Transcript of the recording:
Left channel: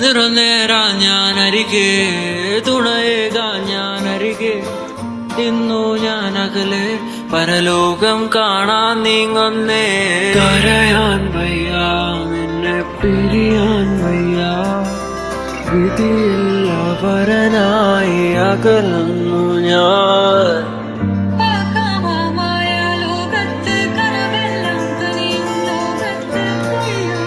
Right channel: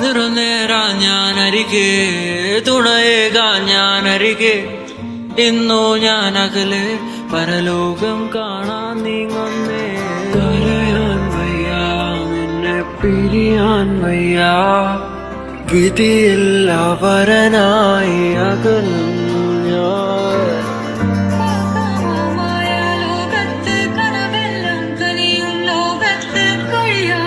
നിറനേരാ ഞാനരികെ തുണയേകാൻ ഞാനരികെ ഇന്നു ഞാൻ അകലെ പരലോകം കാണാൻ നീങ്ങുന്നേ കരയാൻ വയ്യ നിന്നെ പിരിയാൻ വയ്യ വിധിയില്ല വരനായി അകലുന്നു ഞാൻ ലോകത്ത് കനവെല്ലാം കനിയും ലോകത്ത് കഴിയാ